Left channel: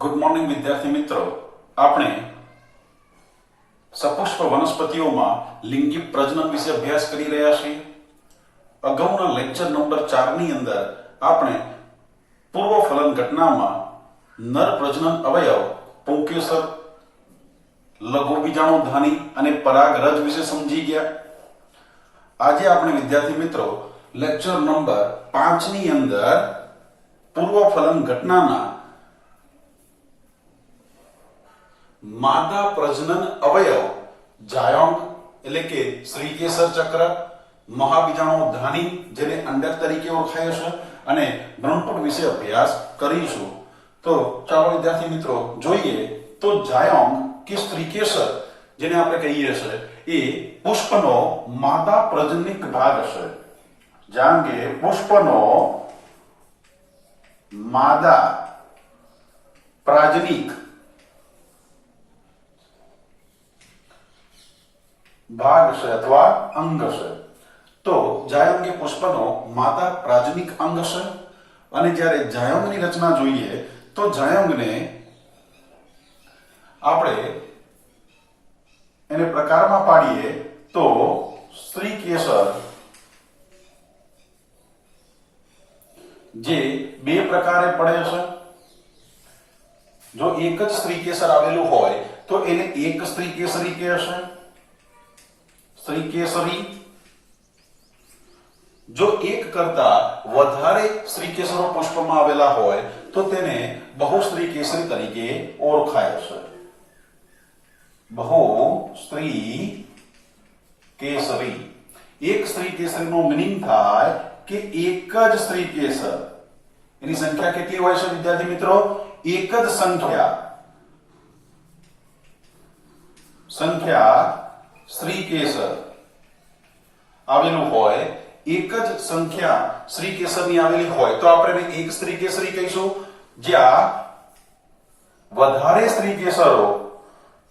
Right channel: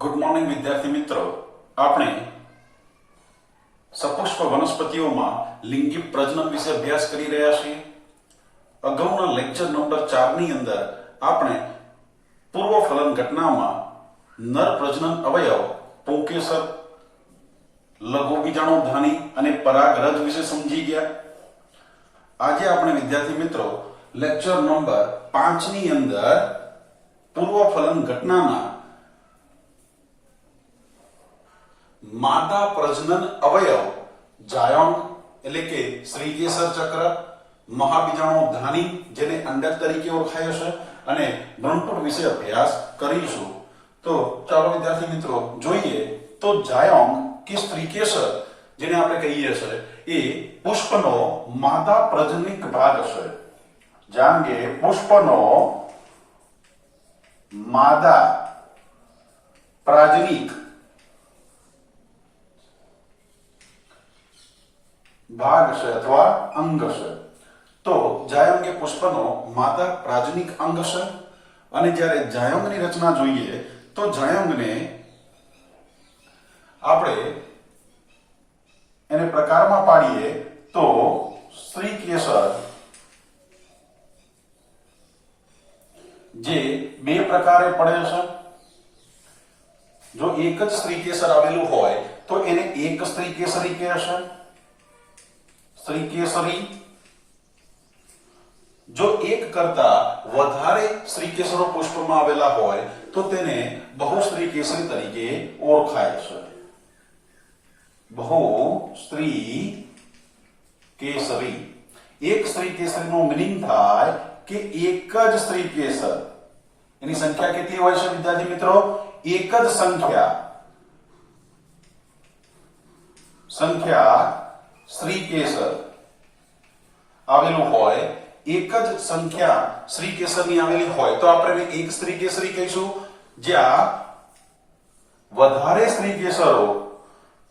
Good morning વિદ્યાર્થી મિત્રો, આપણે સપુષ્પ વનસ્પતિઓમાં લિંગી પ્રજનન વિશે અભ્યાસ કરી રહ્યા છીએ. અગાઉના લેક્ચર નંબર 4 ની અંદર આપણે પૂર્વ ફલન ઘટનામાં નર પ્રજનન અવયવ પુંકેસર, લઘુ બીજાણુધાની અને પરાગરજ વિશે સમજી ગયા. આજે આપણે વિદ્યાર્થી મિત્રો લેક્ચર નંબર 5 ની અંદર પૂર્વ ફલન ઘટનાના માદા પ્રજનન અવયવ જાયંગ એટલે કે શ્રીકેસર ચક્ર, મહાબીજાણુધાની જેને અંડક તરીકે ઓળખાય છે અને ભ્રૂણપુટ વિશે અભ્યાસ કરીશું. તો ચાલો વિદ્યાર્થી મિત્રો જોઈએ તો જાયંગ કે શ્રીકેસર જેને આપણે કહીએ છીએ એ પુષ્પનો માદા પ્રજનનિક ભાગ છે. જાણે પુષ્પનો માદા પ્રાજનિક ભાગ છે અથવા અંગ છે. તો જાયંગ એ પુષ્પનો માદા પ્રાજનિક અંગ છે. અને જ્યારે જાયંગની રચના જોઈએ તો જાયંગને આપણે એને પ્રકારમાં પાડીએ તો શ્રીકેસર જે બે પ્રકારે પડે છે. જો એક જ શ્રીકેસર આવેલું હોય તો એને એક શ્રીકેસરી કહેશે, શ્રીકેસરી. જો એક કરતા વધારે શ્રીકેસરો પુષ્પમાં આવેલા હોય તો તેને બહુશ્રીકેસરી તરીકે ઓળખાય છે. બહુશ્રીકેસરી. એક શ્રીકેસરીનો મીનિંગ થાય કે એક જ શ્રીકેસર. એની સંખ્યા કેટલી હોય છે વિદ્યાર્થી મિત્રો? એક જ સંખ્યા શ્રીકેસર આવેલું હોય, એક જ સંખ્યા શ્રીકેસરની આવેલી હોય તો આપણે એક શ્રીકેસરી કહીશું. જ્યાં વધારે શ્રીકેસરો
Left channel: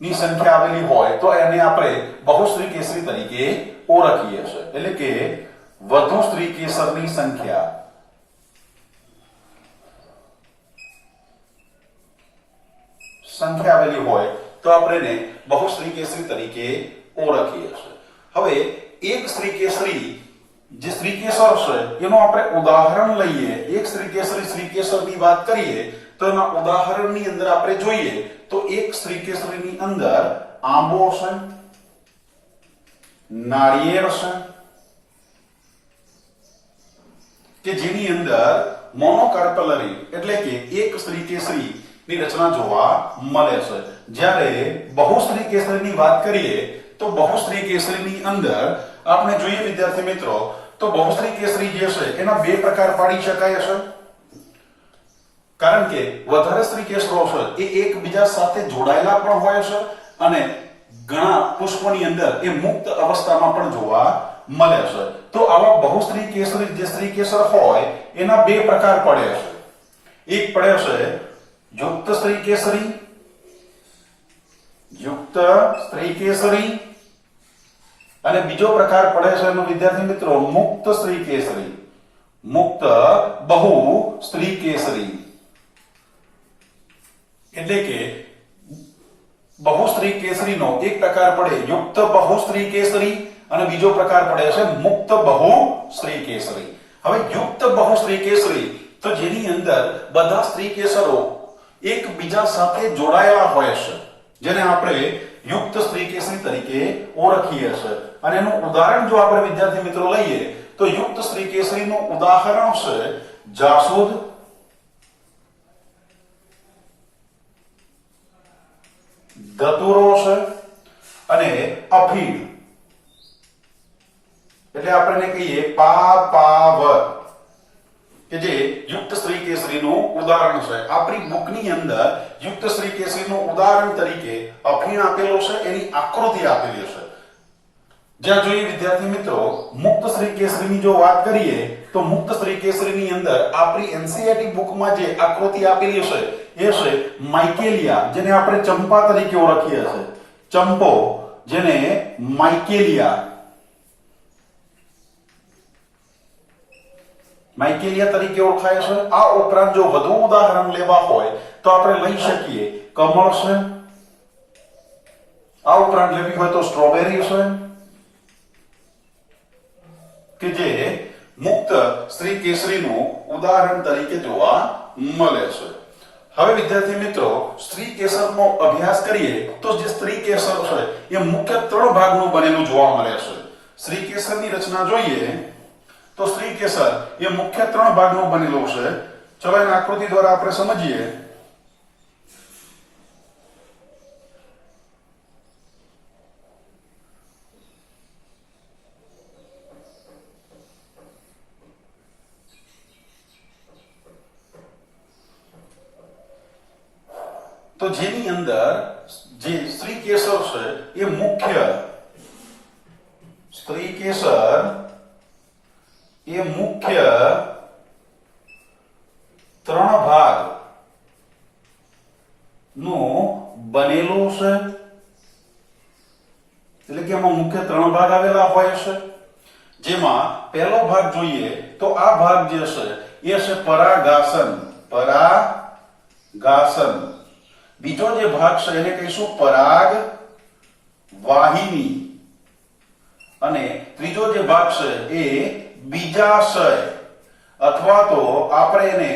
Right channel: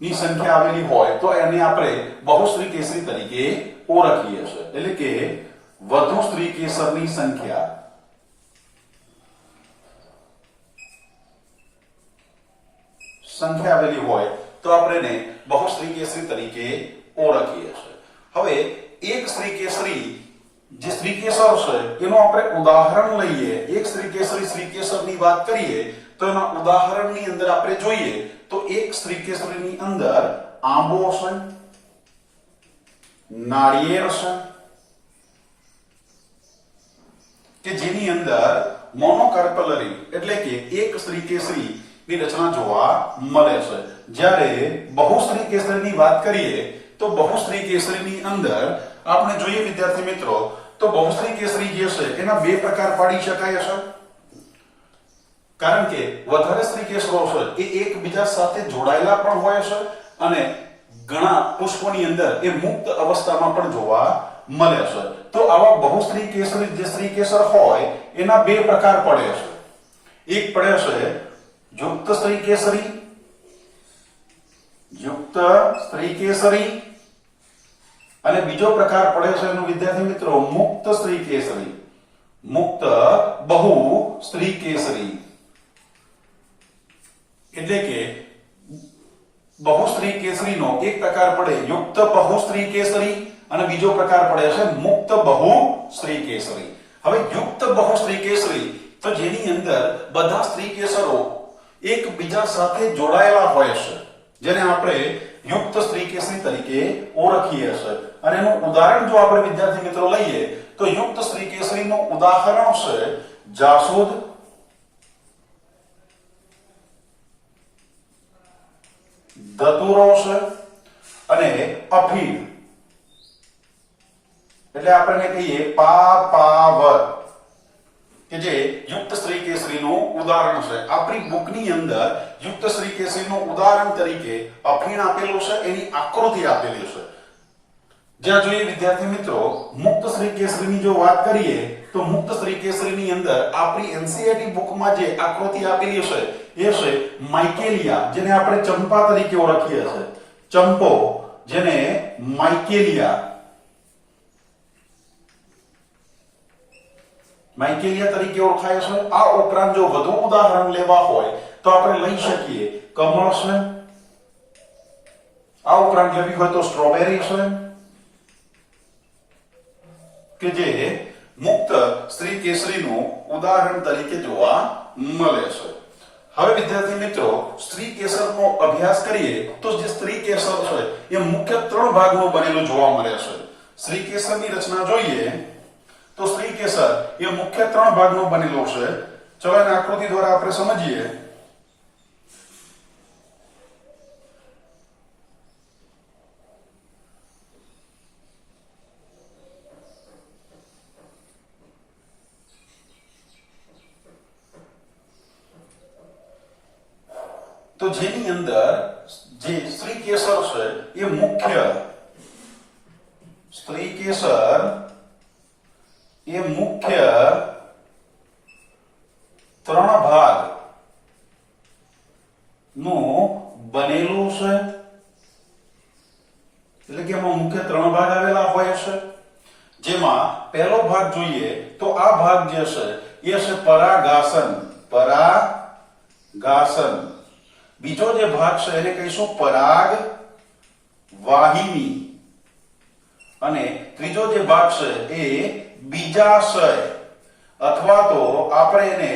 ની સંખ્યા આવેલી હોય તો એને આપણે બહુશ્રીકેસરી તરીકે ઓળખીએ છીએ. એટલે કે વધુ શ્રીકેસરની સંખ્યા આવેલી હોય તો આપણે એને બહુશ્રીકેસરી તરીકે ઓળખીએ છીએ. હવે એક શ્રીકેસરી જે શ્રીકેસર છે એનું આપણે ઉદાહરણ લઈએ. એક શ્રીકેસરની વાત કરીએ તો એના ઉદાહરણની અંદર આપણે જોઈએ તો એક શ્રીકેસરીની અંદર આંબો છે, નાળિયેર છે કે જેની અંદર મોનોકાર્પેલરી એટલે કે એક શ્રીકેસરી ની રચના જોવા મળે છે. જ્યારે બહુશ્રીકેસરીની વાત કરીએ તો બહુશ્રીકેસરીની અંદર આપણે જોઈએ વિદ્યાર્થી મિત્રો તો બહુશ્રીકેસરી જે છે એના બે પ્રકાર પાડી શકાય છે. કારણ કે વધારે શ્રીકેસરો છે એ એકબીજા સાથે જોડાયેલા પણ હોય છે અને ઘણા પુષ્પોની અંદર એ મુક્ત અવસ્થામાં પણ જોવા મળે છે. તો આવા બહુશ્રીકેસરી જે શ્રીકેસર હોય એના બે પ્રકાર પડે છે. એક પડે છે યુક્ત શ્રીકેસરી અને બીજો પ્રકાર પડે છે એનો વિદ્યાર્થી મિત્રો મુક્ત શ્રીકેસરી, મુક્ત બહુશ્રીકેસરી. એટલે કે બહુશ્રીકેસરીનો એક પ્રકાર પડે યુક્ત બહુશ્રીકેસરી અને બીજો પ્રકાર પડે છે મુક્ત બહુશ્રીકેસરી. હવે યુક્ત બહુશ્રીકેસરી તો જેની અંદર બધા શ્રીકેસરો એકબીજા સાથે જોડાયેલા હોય છે જેને આપણે યુક્ત શ્રીકેસરી તરીકે ઓળખીએ છીએ. અને એનું ઉદાહરણ જો આપણે વિદ્યાર્થી મિત્રો લઈએ તો યુક્ત શ્રીકેસરીનું ઉદાહરણ છે જાસૂદ, ધતુરો છે અને અફીણ. એટલે આપણે કહીએ પાપાવર કે જે યુક્ત શ્રીકેસરીનું ઉદાહરણ છે. આપણી બુકની અંદર યુક્ત શ્રીકેસરીનું ઉદાહરણ તરીકે અફીણ આપેલું છે, એની આકૃતિ આપેલી છે. જ્યાં જોઈએ વિદ્યાર્થી મિત્રો મુક્ત શ્રીકેસરીની જો વાત કરીએ તો મુક્ત શ્રીકેસરીની અંદર આપણી એનસીઈઆરટી બુકમાં જે આકૃતિ આપેલી છે એ છે માઇકેલિયા જેને આપણે ચંપા તરીકે ઓળખીએ છીએ. ચંપો જેને માઇકેલિયા તરીકે ઓળખાય છે. આ ઉપરાંત જો વધુ ઉદાહરણ લેવા હોય તો આપણે લઈ શકીએ કમળ છે, આ ઉપરાંત લેવી હોય તો સ્ટ્રોબેરી છે કે જે મુક્ત સ્ત્રી કેસરીનું ઉદાહરણ તરીકે જોવા મળે છે. હવે વિદ્યાર્થી મિત્રો સ્ત્રી કેસરનો અભ્યાસ કરીએ તો જે સ્ત્રી કેસર છે એ મુખ્ય 3 ભાગનું બનેલું જોવા મળે છે. સ્ત્રી કેસરની રચના જોઈએ તો સ્ત્રી કેસર એ મુખ્ય 3 ભાગનું બનેલું છે. ચલો એના આકૃતિ દ્વારા આપણે સમજીએ. તો જેની અંદર જે સ્ત્રી કેસર છે એ મુખ્ય સ્ત્રી કેસર એ મુખ્ય 3 ભાગ નું બનેલું છે. એટલે કે એમાં મુખ્ય 3 ભાગ આવેલા હોય છે. જેમાં પહેલો ભાગ જોઈએ તો આ ભાગ જે છે એ છે પરાગાસન. પરાગાસન. બીજો જે ભાગ છે એને કહીશું પરાગ વાહિની અને ત્રીજો જે ભાગ છે એ બીજાશય અથવા તો આપણે એને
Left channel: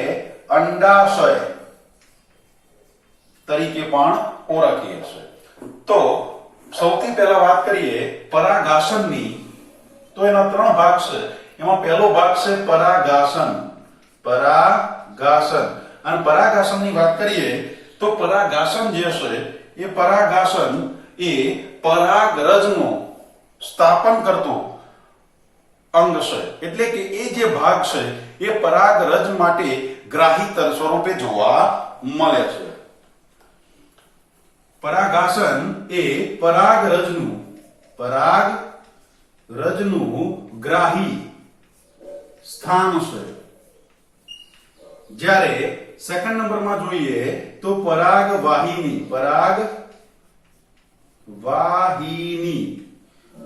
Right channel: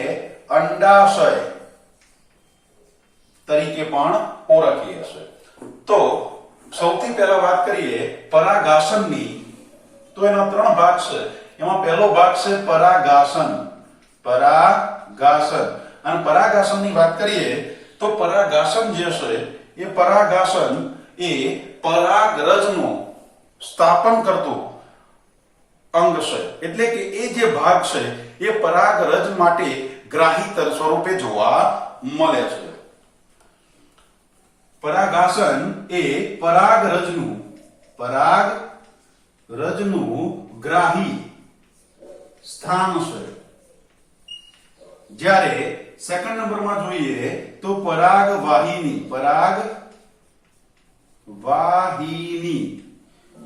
અંડાશય તરીકે પણ ઓળખીએ છીએ. તો સૌથી પહેલા વાત કરીએ પરાગાસનની તો એના 3 ભાગ છે. એમાં પહેલો ભાગ છે પરાગાસન. પરાગાસન અને પરાગાસનની વાત કરીએ તો પરાગાસન જે છે એ પરાગાસન એ પરાગરજનું સ્થાપન કરતું અંગ છે. એટલે કે એ જે ભાગ છે એ પરાગરજ માટે ગ્રાહી સ્વરૂપે જોવા મળે છે. પરાગાસન એ પરાગરજનું ગ્રાહી સ્થાન છે. જ્યારે સેકન્ડ નંબરમાં જોઈએ તો પરાગવાહિની.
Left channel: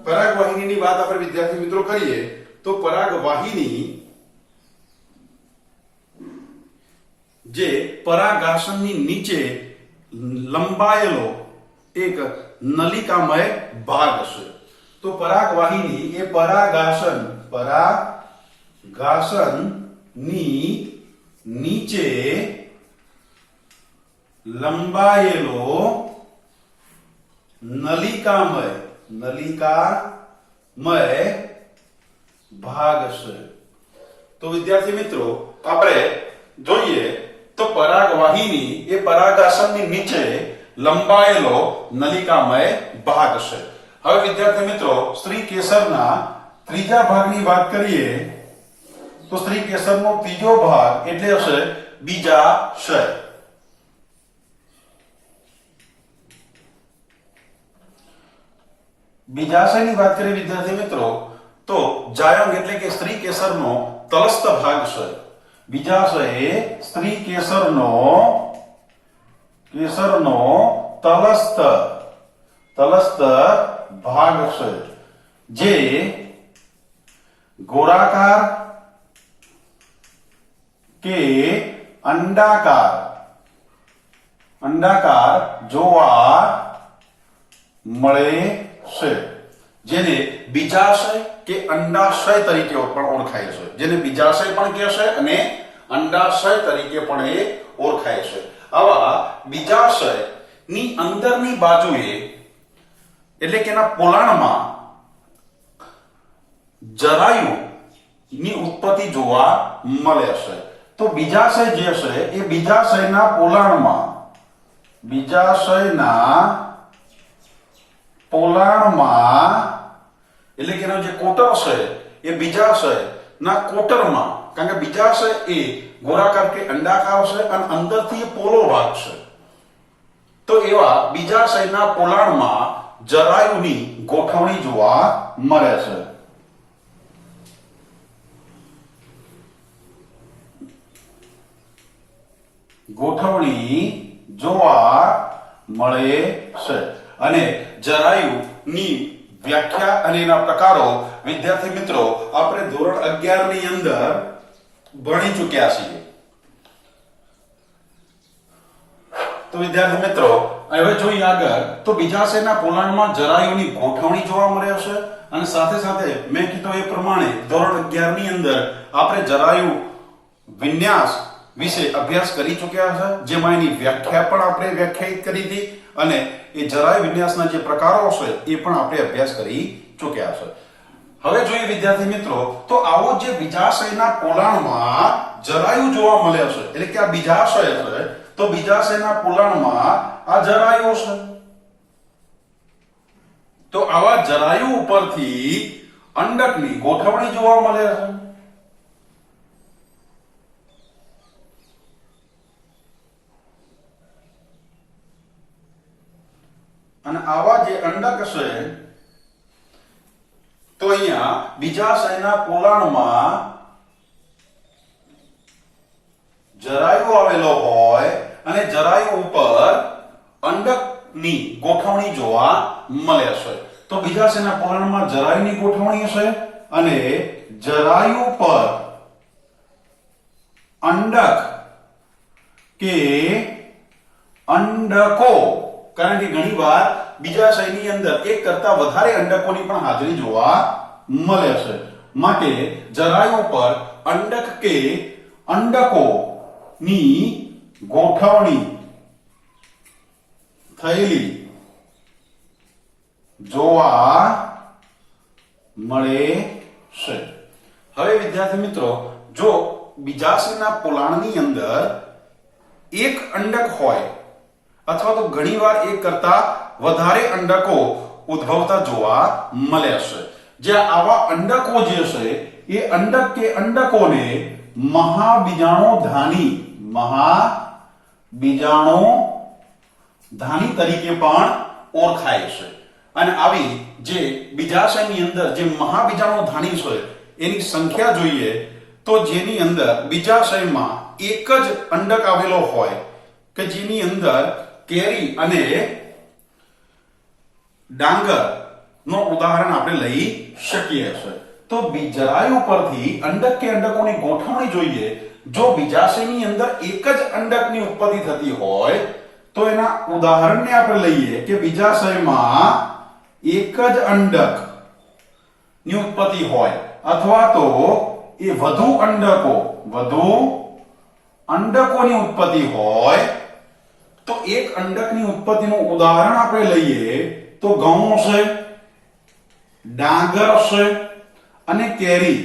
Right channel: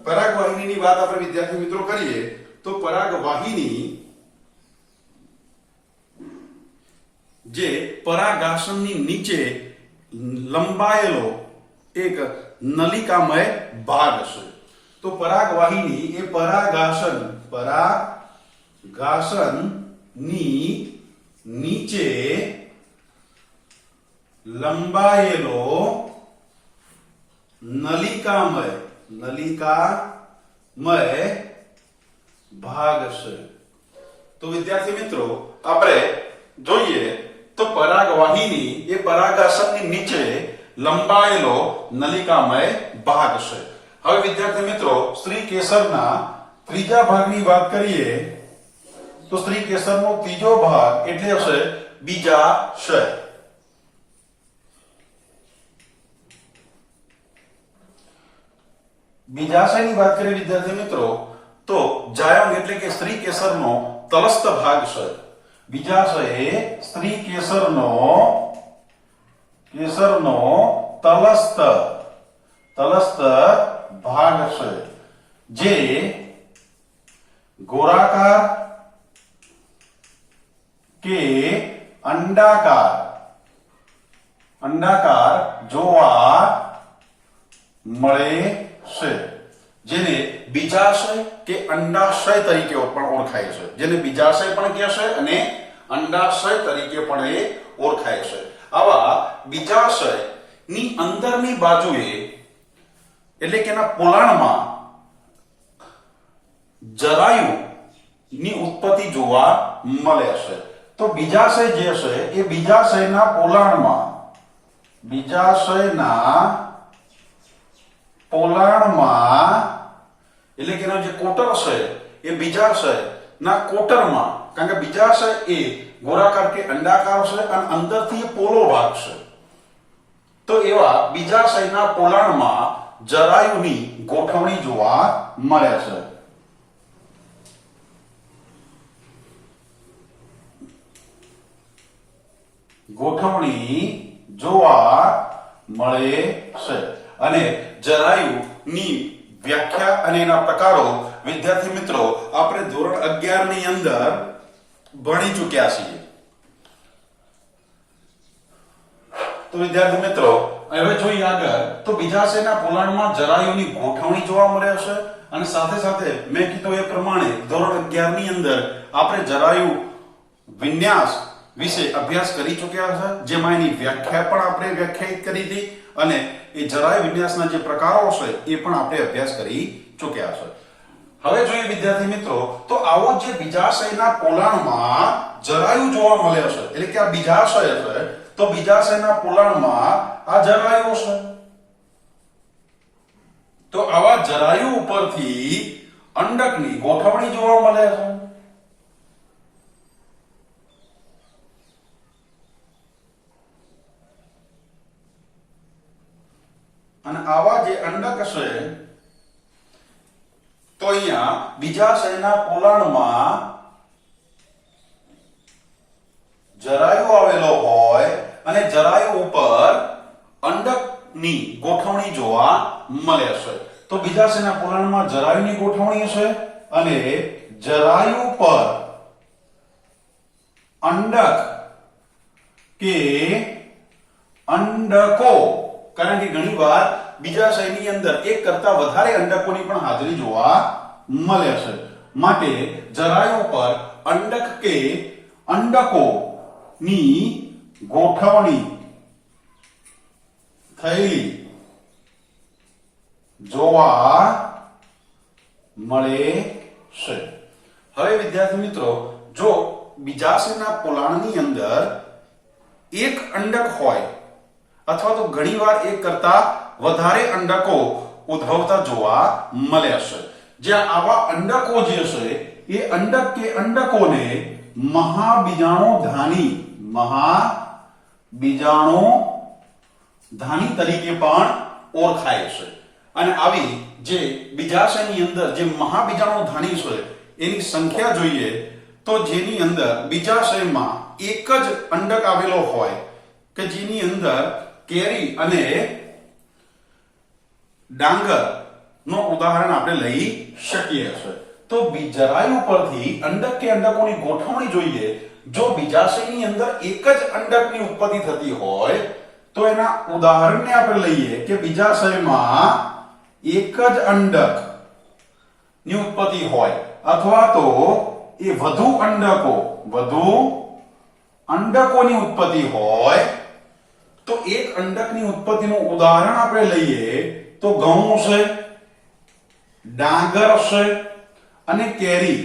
પરાગવાહિનીની વાત આપણે વિદ્યાર્થી મિત્રો કરીએ તો પરાગવાહિની જે પરાગાસનની નીચે લંબાયેલો એક નલિકામય ભાગ છે. તો પરાગવાહિની એ પરાગાસનની નીચે લંબાયેલો નલિકામય ભાગ છે. તો વિદ્યાર્થી મિત્રો આપણે જોઈએ તો પરાગવાહિની એ પરાગાસનની નીચે લંબાયેલો નલિકામય ભાગ છે. હવે વિદ્યાર્થી મિત્રો સ્ત્રી કેસરના ત્રીજા ભાગની વાત કરીએ તો સ્ત્રી કેસરનો ત્રીજો ભાગ એટલે છે બીજાશય. બીજાશયની વાત કરીએ વિદ્યાર્થી મિત્રો તો જાયંગ એટલે કે સ્ત્રી કેસરનો તલસ્થ ભાગ છે. બીજાશય એ સ્ત્રી કેસરનો તલસ્થ ભાગ છે જે ગોળાકાર કે અંડાકાર જોવા મળે છે. જેને બીજાશય કે અંડાશય તરીકે પણ ઓળખાય છે. જેને બીજાશય પણ કહેશે અને અંડાશય તરીકે પણ એ ઓળખાય છે. આવા બીજાશય ની અંદરની બાજુએ એટલે કે એના પોલાણમાં જરાયુ ની ઉત્પત્તિ જોવા મળે છે. તો બીજાશય જે છે એ બીજાશયના પોલાણમાં એટલે કે એનો જે કોટર છે એ બીજાશય ના કોટરમાં, કારણ કે બીજાશય એ ગોળાકાર કે અંડાકાર છે અને અંદરથી પોલો ભાગ છે. તો એવા બીજાશયના પોલાણમાં જરાયુની ગોઠવણી જોવા મળે છે. અને જરાયુની વ્યાખ્યા અને એના પ્રકારો વિદ્યાર્થી મિત્રો આપણે ધોરણ 11 ની અંદર ભણી ચૂક્યા છીએ. તો વિદ્યાર્થી મિત્રો હવે જોઈએ આગળ તો બીજાશયના પોલાણમાં જરાયુની ગોઠવણી જોવા મળે છે અને સાથે સાથે મેં કીધું એ પ્રમાણે ધોરણ 11 ની અંદર આપણે જરાયુ વિન્યાસ વિશે અભ્યાસ કરી ચૂક્યા છે, જેમાં એની વ્યાખ્યા પણ આપણે વ્યાખ્યાયિત કરી હતી અને એ જરાયુ વિન્યાસના જે પ્રકારો છે એ પણ આપણે અભ્યાસ કરી ચૂક્યા છે. હવે જોઈએ વિદ્યાર્થી મિત્રો તો આવો જે બીજાશયના પોલાણમાં જરાયુ જોવા મળે છે એટલે કે આ બીજાશય છે તો બીજાશયના પોલાણમાં આ જરાયુ છે. તો આવા જરાયુ ઉપરથી અંડકની ગોઠવણી જોવા મળે છે. અને આવા જે અંડક છે તો અહીંયા બીજાશયના પોલાણમાં જરાયુ આવેલો હોય અને જરાયુ ઉપર અંડકની ગોઠવણી જોવા મળે છે. તો બીજાશયના પોલાણમાં જરાયુની ગોઠવણી છે અને જરાયુ પર અંડક કે અંડકો, કારણ કે ઘણીવાર બીજાશયની અંદર એક કરતા વધારે અંડકોની પણ હાજરી જોવા મળે છે, માટે જરાયુ પર અંડક કે અંડકો ની ગોઠવણી થયેલી જોવા મળે છે. હવે વિદ્યાર્થી મિત્રો જો બીજાશયના પોલાણની અંદર એક અંડક હોય અથવા તો ઘણીવાર એક કરતા વધારે અંડકો ઉદ્ભવતા જોવા મળે છે, જ્યાં આવા અંડકો જે છે એ અંડક કે અંડકોને મહાબીજાણુધાની તરીકે પણ ઓળખાય છે. અને આવી જે બીજાશયની અંદર જે મહાબીજાણુધાની છે એની સંખ્યા જોઈએ તો જેની અંદર બીજાશયમાં એક જ અંડક આવેલો હોય કે જેની અંદર કેરી અને ડાંગર નો ઉદાહરણ આપણે લઈ શકીએ છીએ. તો જરાયુ પરથી અંડક કે અંડકોની ગોઠવણી જોઈએ. જો બીજાશયની અંદર એક જ અંડકની ઉત્પત્તિ થતી હોય તો એના ઉદાહરણને આપણે લઈએ કે બીજાશયમાં એક જ અંડક ની ઉત્પત્તિ હોય અથવા તો એ વધુ અંડકોની ઉત્પત્તિ હોય તો એક અંડકની ઉત્પત્તિનું ઉદાહરણ આપણે લઈએ તો ઘઉં છે, ડાંગર છે અને કેરી,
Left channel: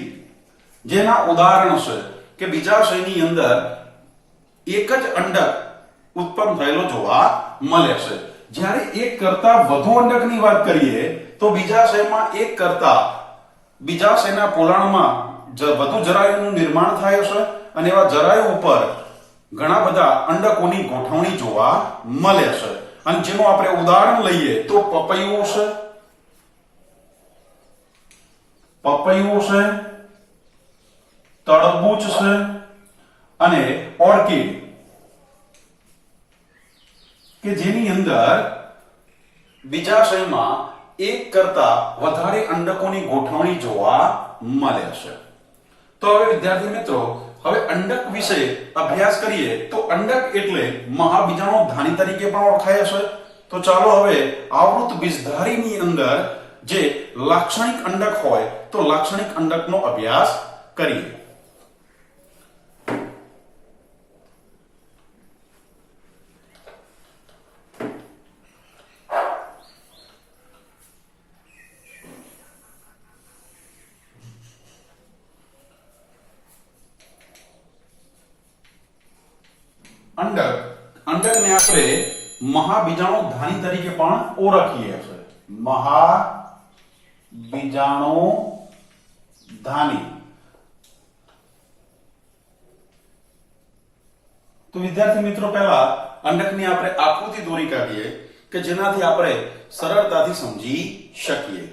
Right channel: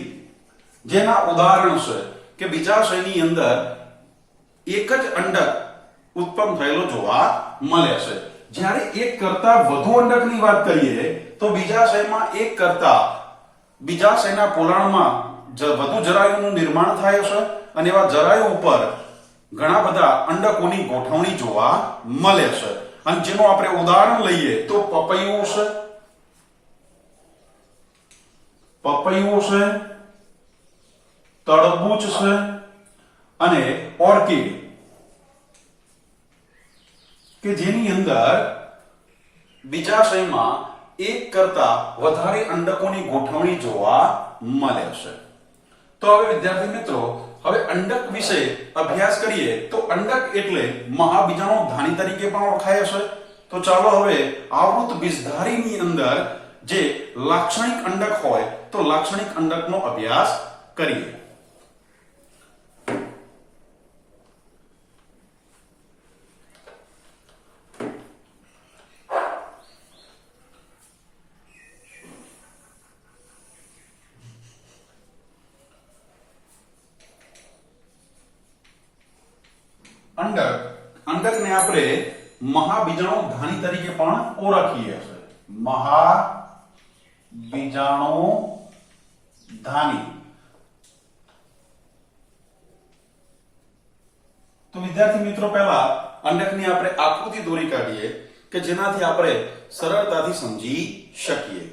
જેના ઉદાહરણ છે કે બીજાશયની અંદર એક જ અંડક ઉત્પન્ન થયેલો જોવા મળે છે. જ્યારે એક કરતા વધુ અંડકની વાત કરીએ તો બીજાશયમાં બીજાશયના પોલાણમાં વધુ જરાયુનું નિર્માણ થાય છે અને એવા જરાયુ ઉપર ઘણા બધા અંડકોની ગોઠવણી જોવા મળે છે. અને જેનું આપણે ઉદાહરણ લઈએ તો પપૈયું છે, તરબૂચ છે અને ઓર્કિડ કે જેની અંદર બીજાશયમાં એક કરતા વધારે અંડકોની ગોઠવણી જોવા મળે છે. તો હવે વિદ્યાર્થી મિત્રો હવે અંડક વિશે અભ્યાસ કરીએ તો અંડક એટલે મહાબીજાણુધાની તરીકે પણ ઓળખાય છે. તો ચાલો હવે આવૃત બીજધારીની અંદર જે લાક્ષણિક અંડક હોય તો લાક્ષણિક અંડકનો અભ્યાસ કરીએ. અંડકને આપણે મહાબીજાણુધાની તરીકે પણ ઓળખીએ છીએ. મહાબીજાણુધાની. તો વિદ્યાર્થી મિત્રો પહેલા અંડકની આપણે આકૃતિ દોરી કાઢીએ કે જેનાથી આપણે સરળતાથી સમજી શકીએ.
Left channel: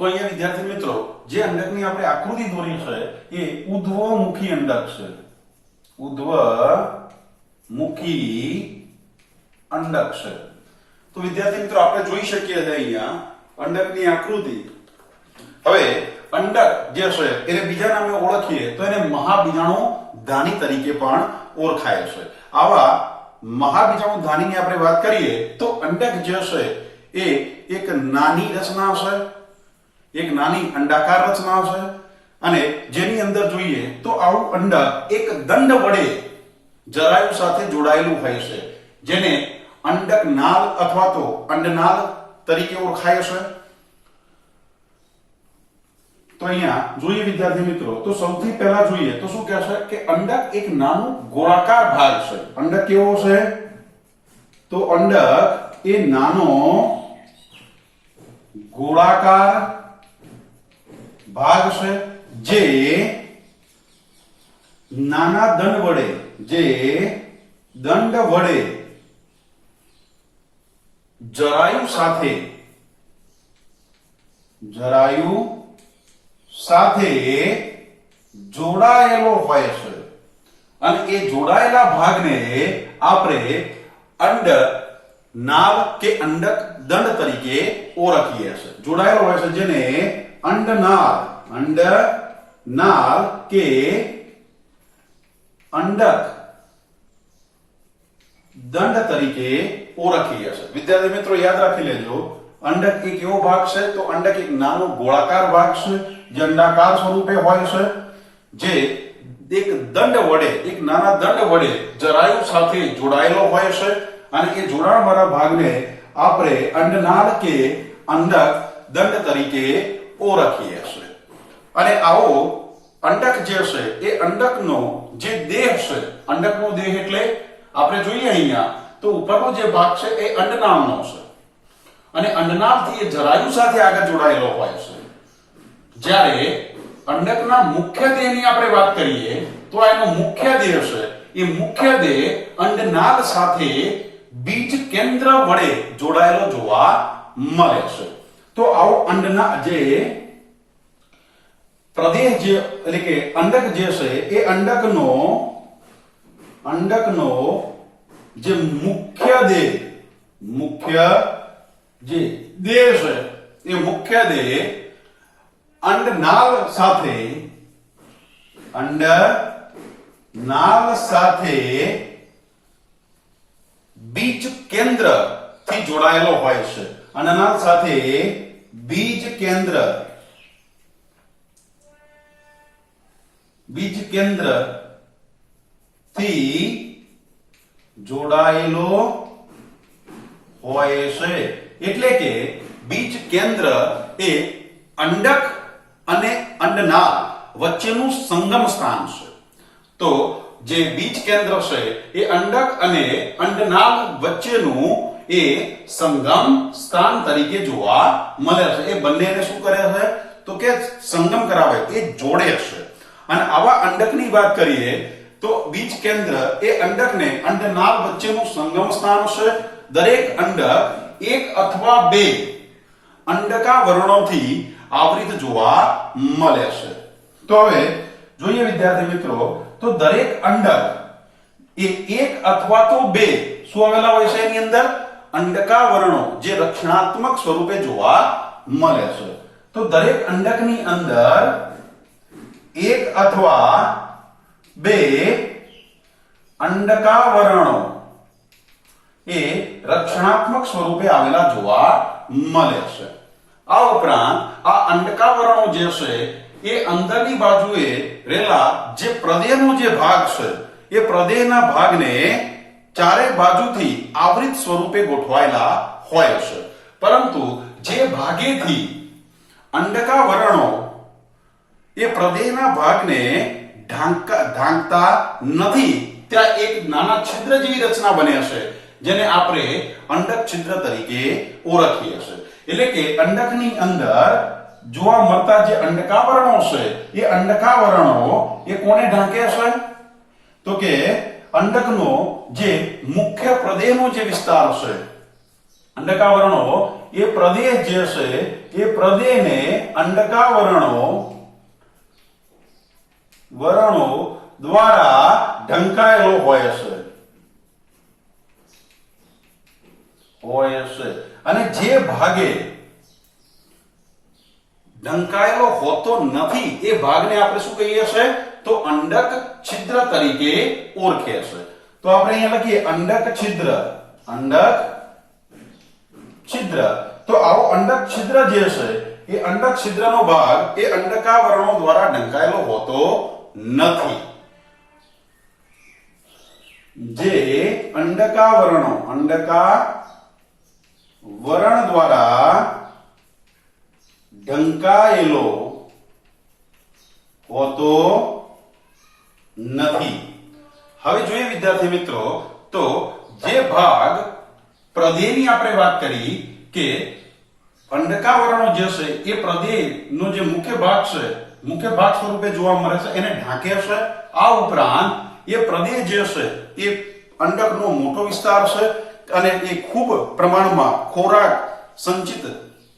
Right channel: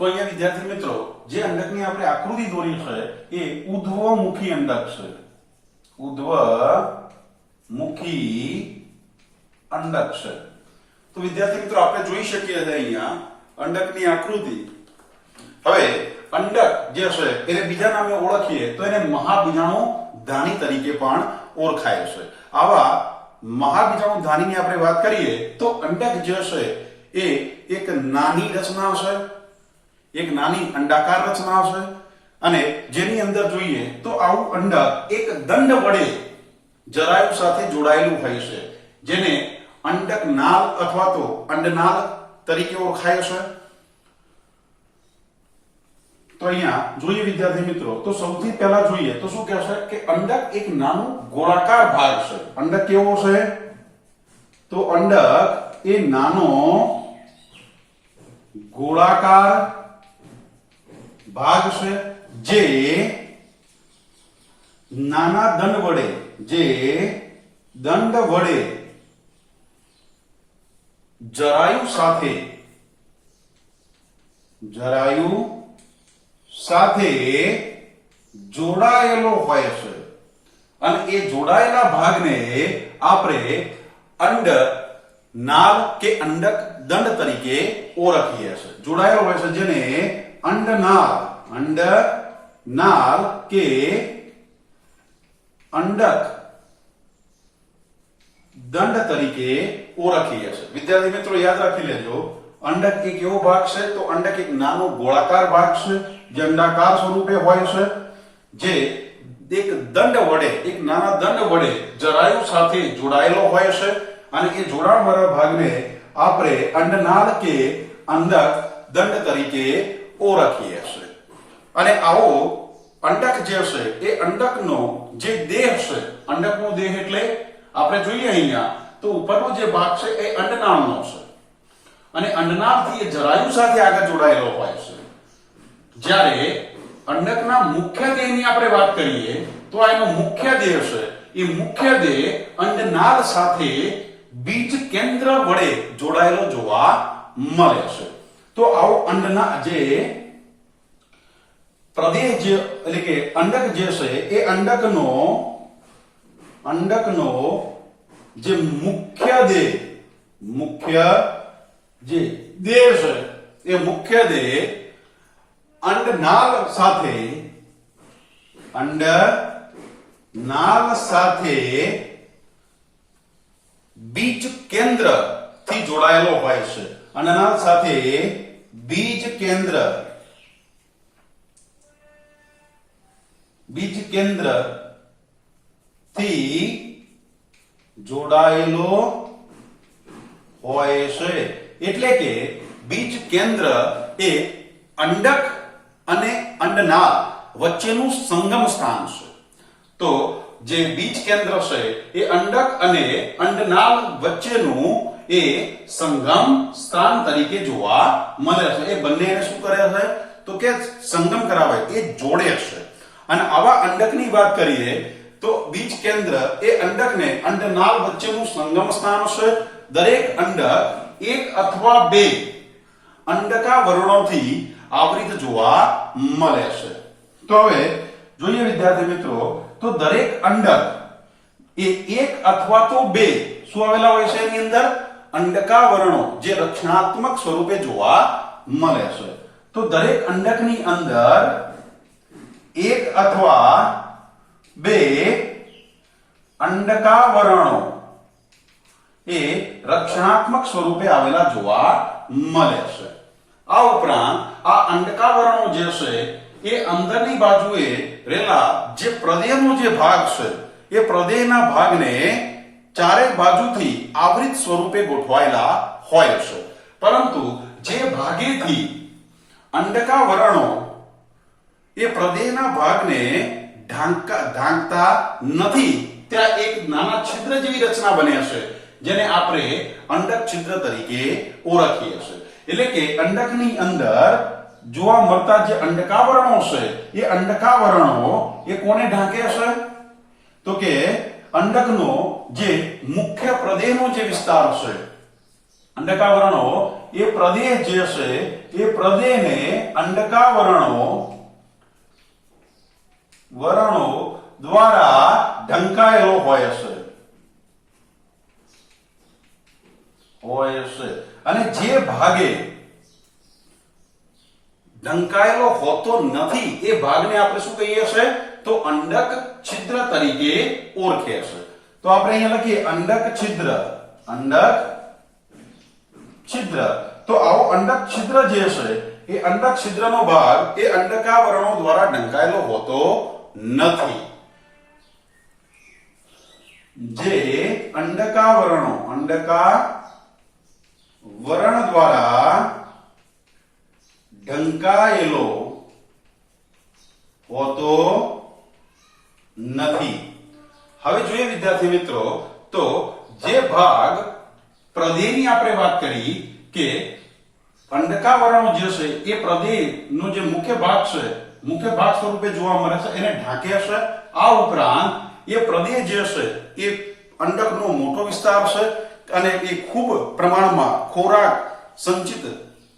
તો અહીંયા વિદ્યાર્થી મિત્રો જે અંડકની આપણે આકૃતિ દોરી છે એ ઉધ્વમુખી અંડક છે. ઉધ્વમુખી અંડક છે. તો વિદ્યાર્થી મિત્રો આપણે જોઈ શકીએ છીએ અહીંયા અંડકની આકૃતિ. હવે અંડક જે છે એને બીજા નામે ઓળખીએ તો એને મહાબીજાણુ ધાની તરીકે પણ ઓળખાય છે. આવા મહાબીજાણુ ધાનીની આપણે વાત કરીએ તો અંડક જે છે એ એક નાની રચના છે, એક નાની અંડાકાર રચના છે અને જેની અંદર જોઈએ તો આવું અંડક એક દંડ વડે જરાયુ સાથે જોડાયેલું હોય છે, જેને અંડક નાળ અથવા તો અંડનાળ તરીકે ઓળખાય છે. તો અહીંયા જોઈએ વિદ્યાર્થી મિત્રો તો સૌથી પહેલા જોઈએ તો શું કહેશે કે અંડક એક નાનું ગોળાકાર ભાગ છે. અંડક કેવો છે? તો અંડક એ નાનો ગોળાકાર ભાગ છે જે નાના દંડ વડે જરાયુ સાથે જોડાયેલો હોય છે અને એ જોડાયેલા ભાગને આપણે અંડ નાળ કે અંડક દંડ તરીકે ઓળખીએ છીએ. જોડાયેલો હોય છે જેને અંડનાળ કે અંડક દંડ તરીકે ઓળખીએ છીએ. વિદ્યાર્થી મિત્રો યાદ રાખી લેજો, અંડક એક એવો ભાગ છે તો અંડક એક નાનો ગોળાકાર ભાગ છે જે અંડાકાર સ્વરૂપે હોય છે, જે એક દંડ વડે એક નાના દંડ વડે જરાયુ સાથે જોડાયેલો હોય છે અને એ જોડાણ વાળા ભાગને આપણે અંડનાળ કે અંડક દંડ તરીકે ઓળખીએ છીએ. અને આવો અંડક જે છે એ અંડકનો જે દેહ છે, અંડકનો દેહ એટલે આપણે જોઈએ અહીંયા તો ઉપરનો જે ભાગ છે એ અંડનાળનો છે અને અંડનાળથી એ જરાયુ સાથે આગળ જોડાયેલો હોય છે. જ્યારે અંડકના મુખ્ય દેહની આપણે વાત કરીએ તો એનો મુખ્ય દેહ છે એ મુખ્ય દેહ અંડનાળ સાથે બીજ કેન્દ્ર વડે જોડાયેલો જોવા મળે છે. તો આવો અંડના જે પ્રદેહ જે એટલે કે અંડક જે છે એ અંડકનો જે મુખ્ય દેહ જે દેહ છે એ મુખ્ય દેહ અંડનાળ સાથે બીજ કેન્દ્ર થી જોડાયેલો હોય છે. અંડનાળ સાથે બીજ કેન્દ્ર થી જોડાયેલો હોય છે. એટલે કે બીજ કેન્દ્ર એ અંડક અને અંડનાળ વચ્ચેનું સંગમ સ્થાન છે. તો જે બીજ કેન્દ્ર છે એ અંડક અને અંડનાળ વચ્ચેનું એ સંગમ સ્થાન તરીકે જોવા મળે છે. એ બંનેને શું કરે છે તો કે સંગમ કરાવે, એ જોડે છે. અને આવા અંડકની વાત કરીએ તો બીજ કેન્દ્ર એ અંડકને અંડનાળ વચ્ચેનું સંગમ સ્થાન છે. દરેક અંડક એક અથવા બે અંડકાવરણોથી આવૃત જોવા મળે છે. તો હવે જોઈએ વિદ્યાર્થી મિત્રો તો દરેક અંડક એ એક અથવા તો બે શું આવેલા હોય છે એની અંદર અંડકાવરણો જે રક્ષણાત્મક સ્વરૂપે જોવા મળે છે. તો દરેક અંડકની અંદર એક અથવા બે અંડકાવરણો એ રક્ષણાત્મક સ્વરૂપે આવેલા જોવા મળે છે. આ ઉપરાંત આ અંડકાવરણો જે છે એ અંદરની બાજુએ રહેલા જે પ્રદેહનો જે ભાગ છે એ પ્રદેહના ભાગને ચારે બાજુથી આવૃત સ્વરૂપે ગોઠવાયેલા હોય છે. પરંતુ જે ભાગેથી અંડકાવરણો એ પ્રદેહના ભાગને ઢાંકતા નથી ત્યાં એક નાના છિદ્ર જેવી રચના બને છે, જેને આપણે અંડક છિદ્ર તરીકે ઓળખીએ છીએ. એટલે કે અંડકની અંદર જોવા મળતા જે અંડકાવરણો છે એ અંડકાવરણો એ કોને ઢાંકે છે તો કે અંડકનો જે મુખ્ય પ્રદેહનો જે વિસ્તાર છે, અંડકાવરણો એ પ્રદેહ જે છે એ પ્રદેહને અંડકાવરણો દ્વારા ઢંકાયેલો હોય છે અને જે ભાગે ઢંકાયેલો હોતો નથી એ ભાગને આપણે શું કહીએ છીએ તો અંડક છિદ્ર તરીકે ઓળખે છે. તો આપણે અહીંયા લખીએ અંડક છિદ્ર. તો આવો અંડક છિદ્ર જે છે એ અંડક છિદ્રનો ભાગ એ અંડકાવરણો દ્વારા ઢંકાયેલો હોતો નથી. જે અંડકાવરણ દ્વારા ઢંકાયેલો હોતો નથી. હવે જોઈએ વિદ્યાર્થી મિત્રો, તો જે ભાગ પ્રદેહની આપણે વાત કરી કે અંડકાવરણો જે છે એ પ્રદેહનો જે મુખ્ય ભાગ છે, મુખ્ય ભાગ સ્વરૂપે જોવા મળે છે, એને ઢાંકે છે. આ ઉપરાંત એ પ્રદેહ જે છે એ અંડકનો મોટો વિસ્તાર છે અને એ ખૂબ પ્રમાણમાં ખોરાક સંચિત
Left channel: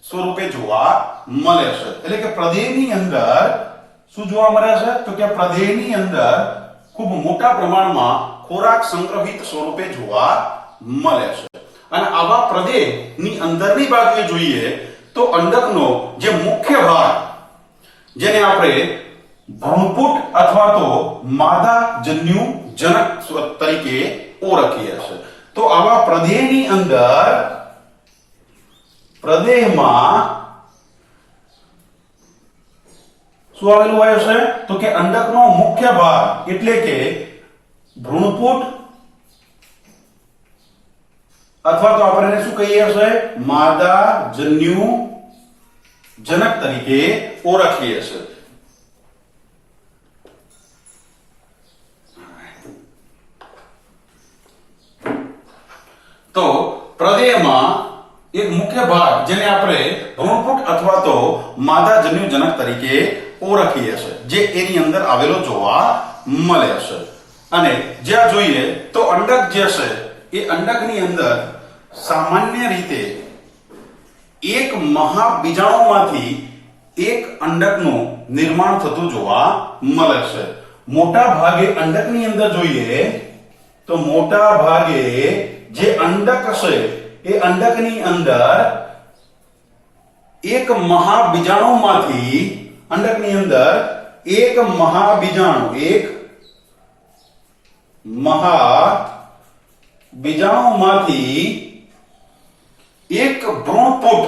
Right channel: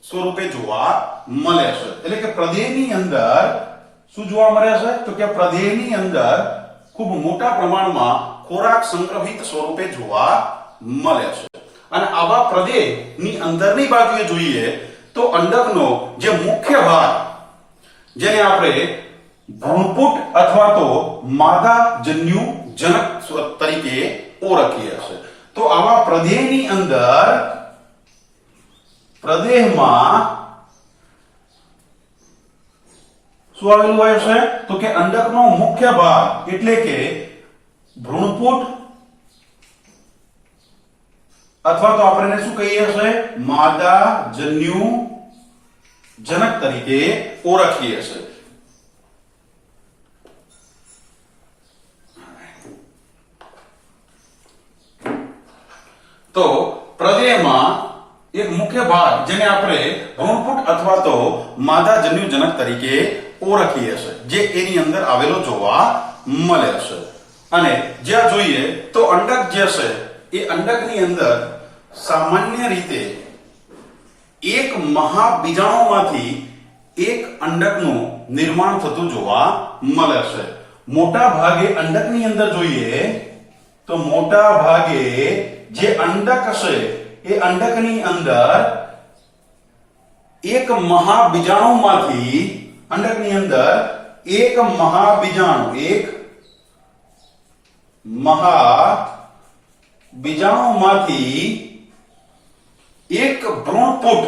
સ્વરૂપે જોવા મળે છે. એટલે કે પ્રદેહની અંદર શું જોવા મળે છે તો કે પ્રદેહની અંદર ખૂબ મોટા પ્રમાણમાં ખોરાક સંગ્રહિત સ્વરૂપે જોવા મળે છે. અને આવા પ્રદેહની અંદરની બાજુએ જોઈએ તો અંડકનો જે મુખ્ય ભાગ, જેને આપણે ભ્રૂણપુટ અથવા તો માદાજન્યુ જનક તરીકે ઓળખીએ છીએ, તો આવા પ્રદેહની અંદર પ્રદેહમાં શું આવેલું હોય છે તો કે અંડકનો મુખ્ય ભાગ એટલે કે ભ્રૂણપુટ અથવા તો આપણે શું કહીએ છીએ માદાજન્યુ જનક તરીકે ઓળખીએ છીએ. તો પ્રદેહમાં એક મુખ્ય ભાગ જેને આપણે ભ્રૂણપુટ અથવા તો માદાજન્યુ જનક તરીકે ઓળખીએ છીએ, જે એની અંદર આવેલો જોવા મળે છે. અને જ્યાં જોઈએ તો અંડક જે છે એ અંડકની અંદર સામાન્ય રીતે એક મહાબીજાણુમાંથી એક અંડકનું નિર્માણ થતું જોવા મળે છે. મોટા ભાગે અંડકની અંદર જોઈએ તો મોટા ભાગે જે અંડક છે એ અંડકની અંદર એક મહાબીજાણુમાંથી અંડકની અંદર એક મહાબીજાણુમાંથી એક ભ્રૂણપુટ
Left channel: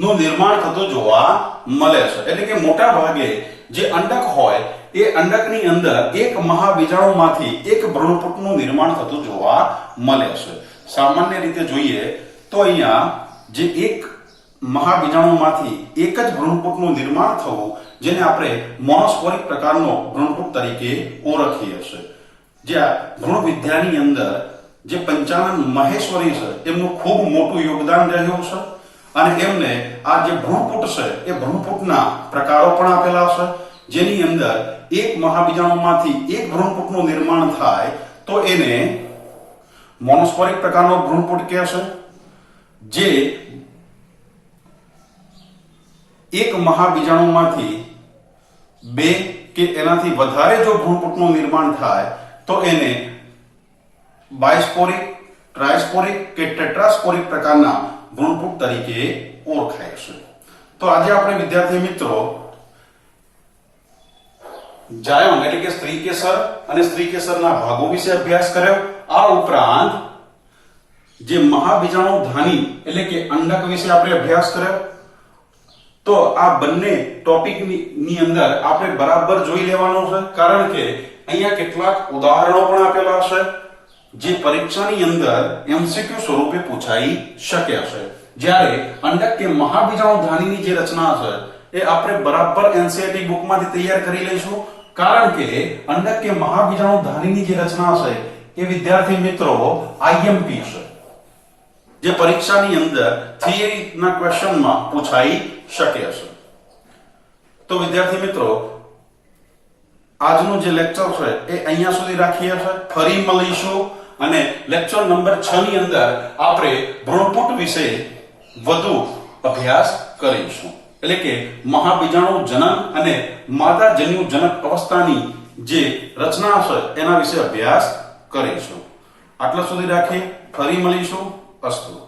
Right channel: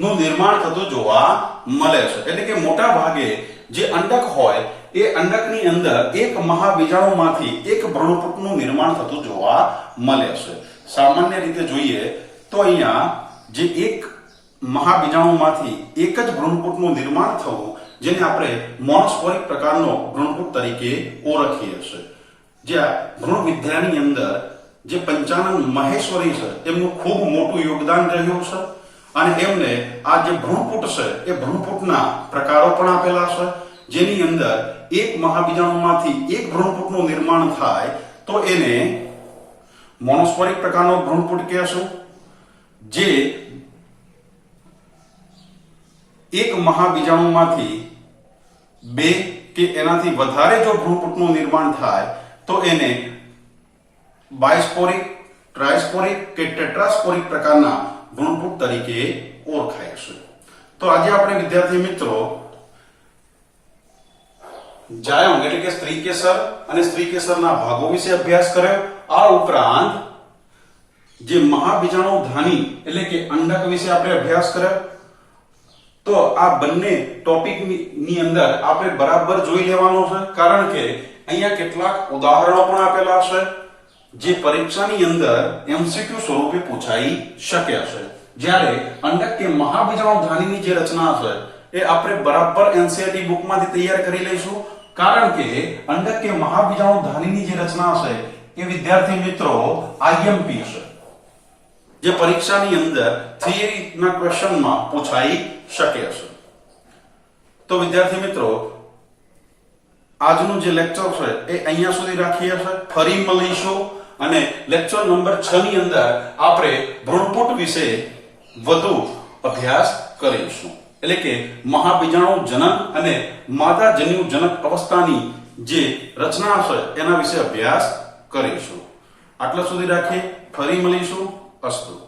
નું નિર્માણ થતું જોવા મળે છે. એટલે કે મોટા ભાગે જે અંડક હોય એ અંડકની અંદર એક મહાબીજાણુમાંથી એક ભ્રૂણપુટનું નિર્માણ થતું જોવા મળે છે. સામાન્ય રીતે જોઈએ તો અહીંયા જે એક મહાબીજાણુમાંથી એક જ ભ્રૂણપુટનું નિર્માણ થવું, જેને આપણે મોનોસ્પોરિક પ્રકારનો ભ્રૂણપુટ તરીકે ઓળખીએ છીએ. જ્યાં ભ્રૂણ વિદ્યાની અંદર જે પંચાનન મહેશ્વરી છે એમનું ખૂબ મોટું યોગદાન રહ્યું છે. અને એમને આ જે ભ્રૂણપુટ છે એ ભ્રૂણપુટના પ્રકારો પણ આપેલા છે, જેની અંદર એક મહાબીજાણુમાંથી એક ભ્રૂણપુટનું નિર્માણ થાય તો એને મોનોસ્પોરિક પ્રકારનો ભ્રૂણપુટ કહે છે. જે એક મહાબીજાણુમાંથી બે કે એનાથી વધારે જો ભ્રૂણપુટનું નિર્માણ થાય તો એને બાયસ્પોરિક, ટ્રાયસ્પોરિક કે ટેટ્રાસ્પોરિક પ્રકારના ભ્રૂણપુટ તરીકે ઓળખાય છે. તો આજે આપણે વિદ્યાર્થી મિત્રો જાયમ એટલે કે સ્ત્રીકેસર અને સ્ત્રીકેસરના ભાગો વિશે અભ્યાસ કર્યો. આ ઉપરાંત જે મહાબીજાણુ ધાની એટલે કે અંડક વિશે આપણે અભ્યાસ કર્યો. તો આ બંને ટોપિક ની અંદર આપણે બરાબર જોઈ લેવાનું છે, કારણ કે અહીંયા કેટલાક ઉદાહરણો પણ આપેલા છે જે પરીક્ષાની અંદર એમસીક્યુ સ્વરૂપે પૂછાઈ શકે છે. જ્યારે અંડક કે મહાબીજાણુ ધાનીની જે રચના છે એ આપણે બરાબર એનસીઈઆરટી બુકમાંથી તૈયાર કરી લઈશું, કારણ કે અંડક કે મહાબીજાણુ ધાનીની જે રચના છે એ વિદ્યાર્થી મિત્રો આઈએમપી છે, જે પરીક્ષાની અંદર થિયરીના ક્વેશ્ચનમાં પૂછાઈ શકે છે. તો વિદ્યાર્થી મિત્રો આજનું જે લેક્ચર છે એ અહીંયા સુધી રાખીએ છીએ. ફરી મળીશું અને લેક્ચર નંબર 6 ની અંદર આપણે ભ્રૂણપુટ વિશે વધુ અભ્યાસ કરીશું. એટલે કે મહાબીજાણુ જનન અને માદાજન્યુ જનક અવસ્થાની જે રચના છે એના વિશે અભ્યાસ કરીશું. આટલા સુધી રાખીએ. ફરી મળીશું. અસ્તુ.